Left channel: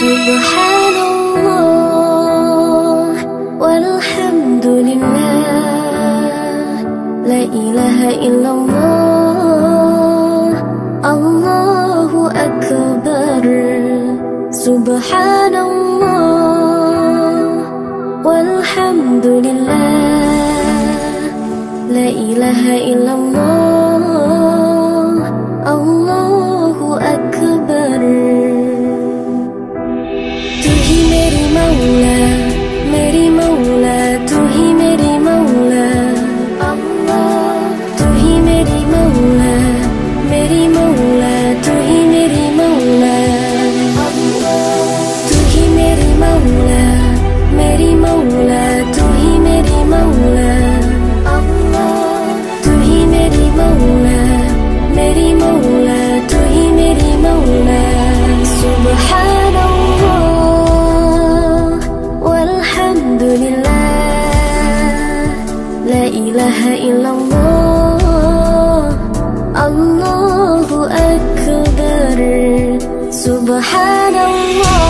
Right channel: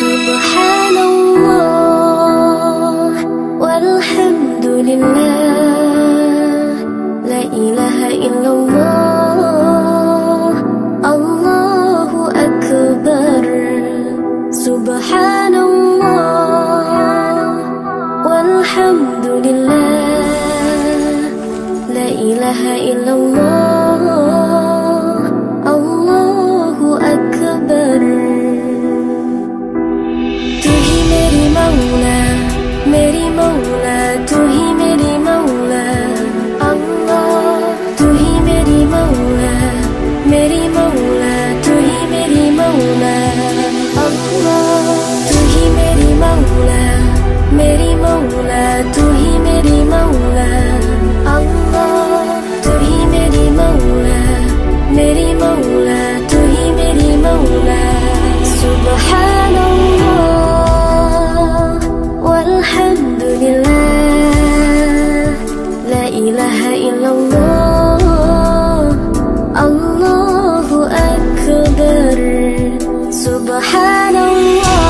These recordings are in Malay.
Subhanallah walhamdulillah, la ilaha illallah, Allahu akbar. Subhanallah walhamdulillah, la ilaha illallah, Allahu akbar. तू ही मेरी मौला, तू ही मेरी मौला, अल्लाह। तू ही मेरी मौला, तू ही मेरी मौला, अल्लाह। तू ही मेरी मौला, तू ही मेरी मौला, अल्लाह। तू ही मेरी मौला, तू ही मेरी मौला। Subhanallah walhamdulillah, la ilaha illallah, Allahu akbar. Subhanallah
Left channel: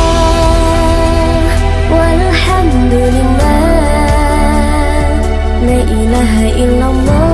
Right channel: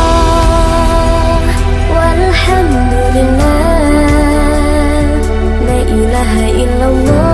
walhamdulillah, la ilaha illallah,